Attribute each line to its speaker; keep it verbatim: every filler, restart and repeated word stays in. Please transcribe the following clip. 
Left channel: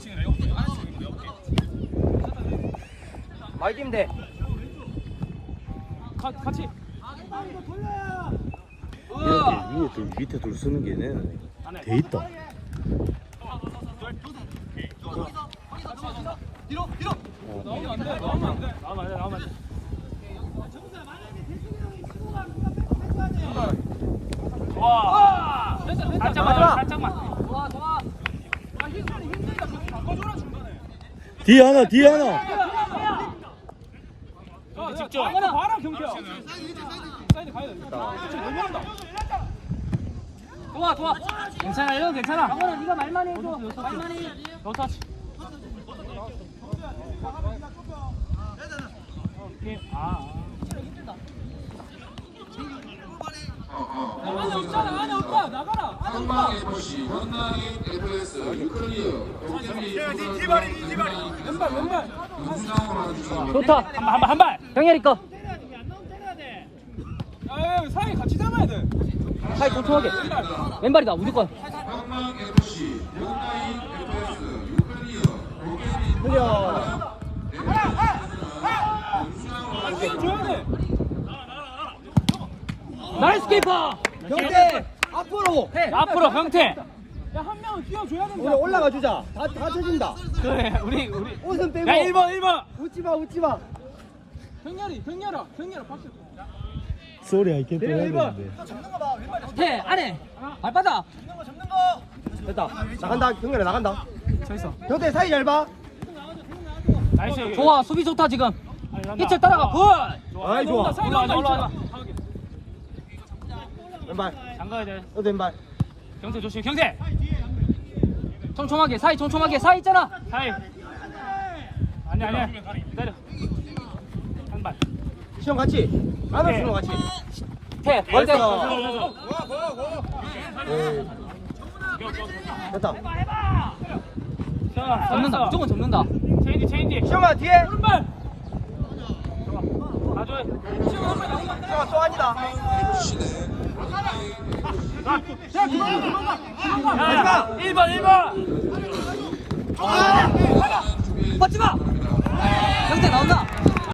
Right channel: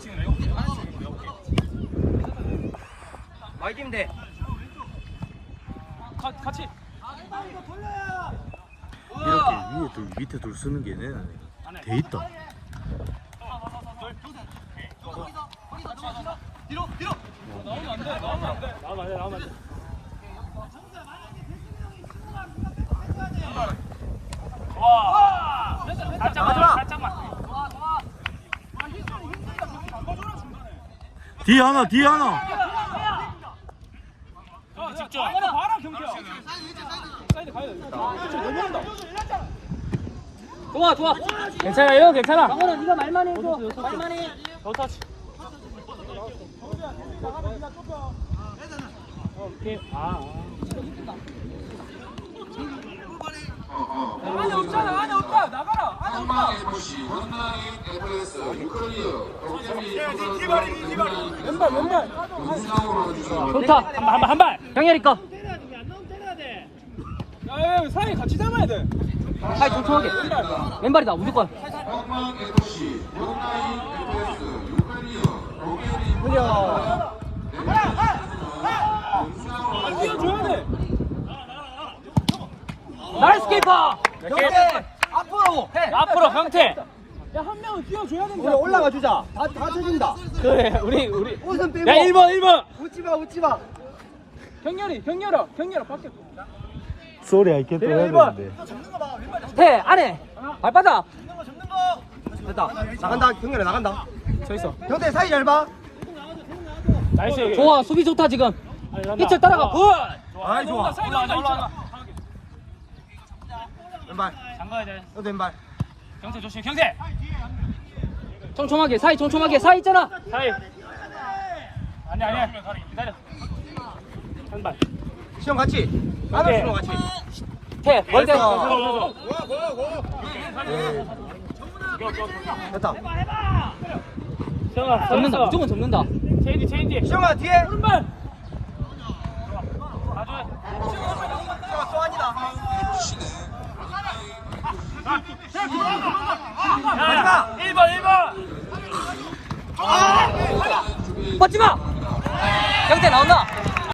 Speaker 1: 아이디면 돼. 같이.
Speaker 2: 이렇게 위에 둘, 밑에 둘 쓰는 게 얘네는 돼 있다. 뒤에 하나, 뒤에 하나.
Speaker 1: 집중. 봐라 경태야. 사이드 가야 돼. 좋아 좋아. 괜찮아요 괜찮아. 강원아 네가 말만 해줘. 말만 해. 좋다. 오케이. 아. 안에 없잖아 안에 없다 나가라 안에 없다.
Speaker 3: 에프씨 원나인 에프에스 유클리어
Speaker 1: 디바리 디바리. 왼발 왼발.
Speaker 3: 용상으로 주소.
Speaker 1: 좋다. 한발 한 발. 경렬이 거. 야 사이 같이 잡아야 돼. 사이 조심하게. 왼발이다 무조건.
Speaker 3: 원나인 에프씨 원나인 에프에스 유클리어 로베리 용상으로
Speaker 1: 뛰어줘야 돼. 나이스 키퍼. 경태 앞으로 해. 앞으로 형태. 야 한 명은 뛰어줘야 된다. 올라가 주자. 다 다 주준다. 그래 우리 우리. 웃음 빼고. 야 일 번 일 번. 웃지 마 웃지 마. 경렬이 경렬아 경렬아 밖에.
Speaker 2: 소리 알게 또 해야 되는데.
Speaker 1: 해 안에. 발바닥.
Speaker 4: 됐다. 나간다. 경렬이 나간다.
Speaker 1: 서 있어.
Speaker 4: 경태 사이 잘 봐.
Speaker 1: 나이스. 좋아 수비 좋다 지금. 피철 따라가. 굿.
Speaker 4: 아이 좋아.
Speaker 1: 사이드 올라 올라.
Speaker 4: 왼발.
Speaker 1: 잠가야 돼.
Speaker 4: 또 왼발.
Speaker 1: 경태 조심 경태. 촘촘하게 사이 촘촘하게 사이 있잖아. 사이. 아니 아니. 기다려. 한 발.
Speaker 4: 시험 같이.
Speaker 1: 오케이.
Speaker 4: 시험 같이.
Speaker 1: 해. 멀대.
Speaker 4: 됐다.
Speaker 1: 접는다. 무조건 접는다. 체인지 체인지.
Speaker 4: 시험아 뒤에.
Speaker 1: 오른발. 야야 일 번 일 번. 뻗지 마. 경태 나온다.